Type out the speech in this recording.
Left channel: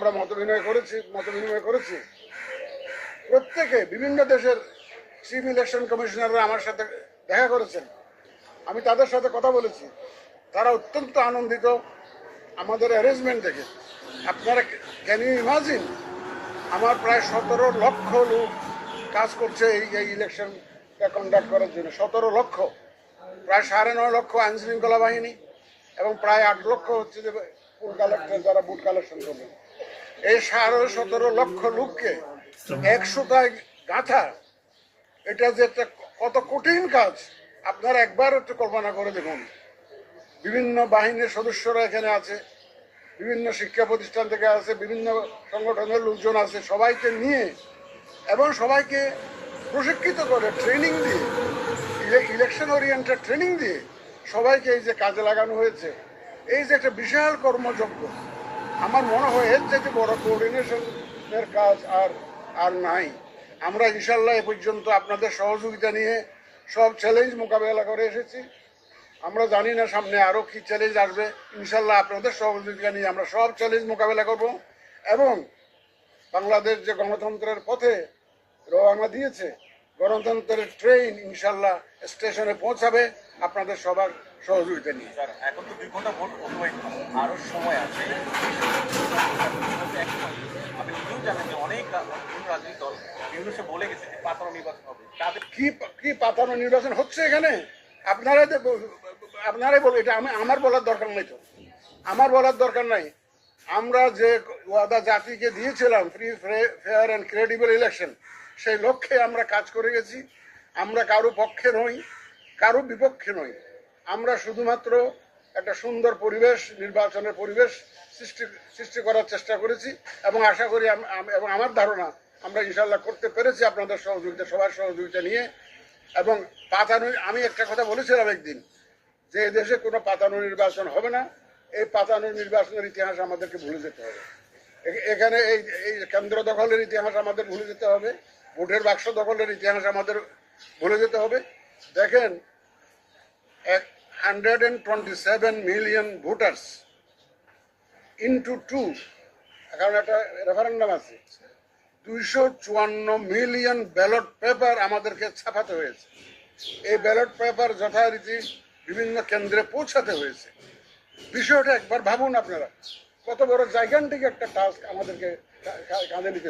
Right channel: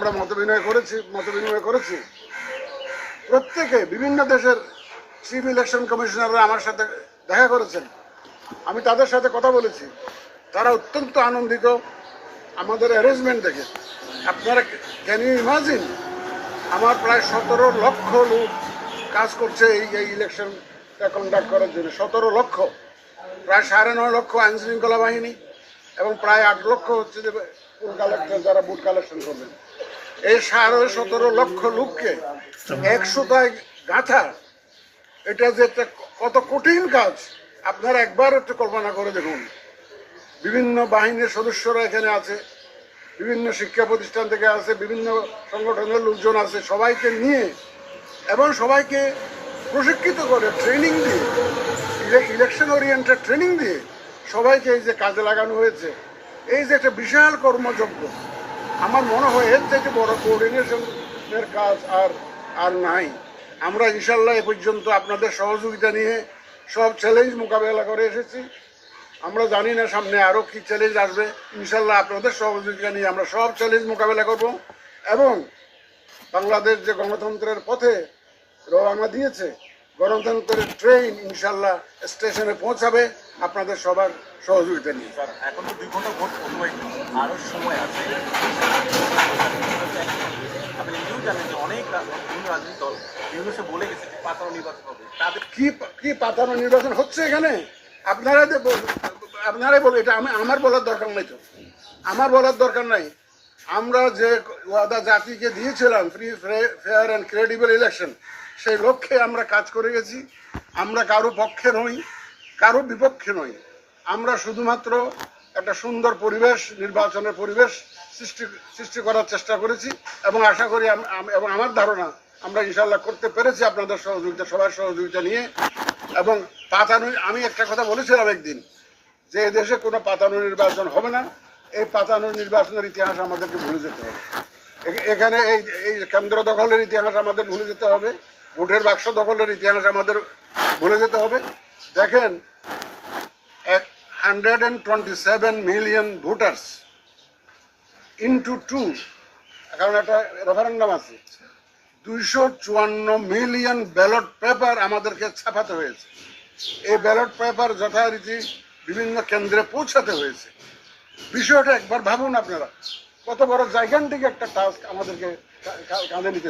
আমরা মত বিনিময় করেছি। প্রত্যেকে বিভিন্ন দেশের চিফ ইলেকশন কমিশনাররা আমার সাথে দেখা করেছেন, আমি তাদের সাথে কথা বলেছি, তারা অত্যন্ত আনন্দিত আমাদের অ্যারেঞ্জমেন্ট দেখে। আপনারা ক্যান ইউ ইমাজিন, আমার প্রায় 17 লক্ষ লোক কাজ করছে এই ইলেকশনটা কন্ডাক্ট করার জন্য। 17 লক্ষ, প্রায় 9.5 লক্ষ আইন শৃঙ্খলা বাহিনী এবং প্রায় 8 লক্ষ হচ্ছে যে ফুল কালেক্টর যারা ভোট কালেকশন করবেন। এই 17 লক্ষ লোককে 100টায় গাঁথা, এটা যে একটা কত কঠিন কাজ আপনারা একবার একটু কল্পনা করে দেখুন। বিভিন্ন বাহিনীর সদস্যরা এখানে আছে, বিভিন্ন শিক্ষা প্রতিষ্ঠান থেকে আছে, বিভিন্ন সংগঠনের লোকজন আছে, সবাইকে নিয়ে এবং সবাইকে প্রশিক্ষিত করে ট্রেনিং দিয়ে, ইলেকশন ওরিয়েন্টেড ট্রেনিং দিয়ে সবাইকে এই যে কাজে লাগানো হয়েছে, এই যে একটা বিশাল কর্মযজ্ঞ, আমার মনে হয় এর থেকে বড় কোঅর্ডিনেশনের কাজ আর নাই। আমরা ইনশাল্লাহ এ পর্যন্ত আপনাদের সহযোগিতা নিয়ে সব চ্যালেঞ্জ মোকাবেলা করে এসেছি। আমরা জানি না সামনে আরও কি চ্যালেঞ্জ আসবে। ইনশাল্লাহ আপনাদের সহযোগিতা নিয়ে আমরা সব চ্যালেঞ্জ মোকাবেলা করব এবং বাংলাদেশ যে গণতন্ত্রের পথে রওনা দিয়েছে, গণতন্ত্রের ট্রেন ইনশাল্লাহ স্টেশনে পৌঁছাবে আপনাদের সবার সহযোগিতা নিয়ে। এখন তো 2 ঘন্টা ভোট আরো সময় আছে। আপনি নিজেও জানেন যে অনেক বিভিন্ন রাজনৈতিক দল নির্বাচন বলে গেছে যে পাতানো নির্বাচন হবে, তাদের কি পাতানো নির্বাচন হচ্ছে এখানে? আপনারাই বলুন, এটা আমার বলার দরকার নাই তো, আমার বলার দরকার নাই। আমরা যে ওয়াদা জাতিকে দিয়েছিলাম, free fair and credible election, সেই লক্ষ্যে আমরা কাজ করে গেছি। আমরা কারো পক্ষে নই, কারো বিপক্ষে নই। আমরা শুধুমাত্র একটা সুন্দর পরিবেশ, নির্বাচনের পরিবেশ সৃষ্টি করার চেষ্টা করেছি এবং আশা করি এবং আমার ধারণা আমরা ইনশাল্লাহ করতে পেরেছি আপনাদের সহযোগিতা, সবার সহযোগিতা নিয়ে। এবং পাতানো, আমি একটা কথা বলেছিলাম একদিন যে এই দেশে কোনো পাতানো নির্বাচন হবে না। এই পাতানো নির্বাচনের ইতিহাস আমাদেরকে ভুলে যেতে হবে। এখানে এই কেন্দ্র দখলের ইতিহাস আমাদের ভুলে যেতে হবে, ভোটের বাক্স দখলের ইতিহাস আমাদের ভুলে যেতে হবে। দেখেন, 127 মিলিয়ন ভোটার্স ইন্টু 2, কারণ একটা রেফারেন্ডাম আছে, 254 মিলিয়ন ব্যালট পেপার আমাদেরকে ছাপাতে হয়েছে। এই ব্যালট পেপার যথারীতি বিভিন্ন কেন্দ্রে পৌঁছাতে হয়েছে। বিষয়টা একবার ভাবুন আপনারা, কত বড় জায়গান্টিক একটা টাস্ক আমাদেরকে কাঁধে নিতে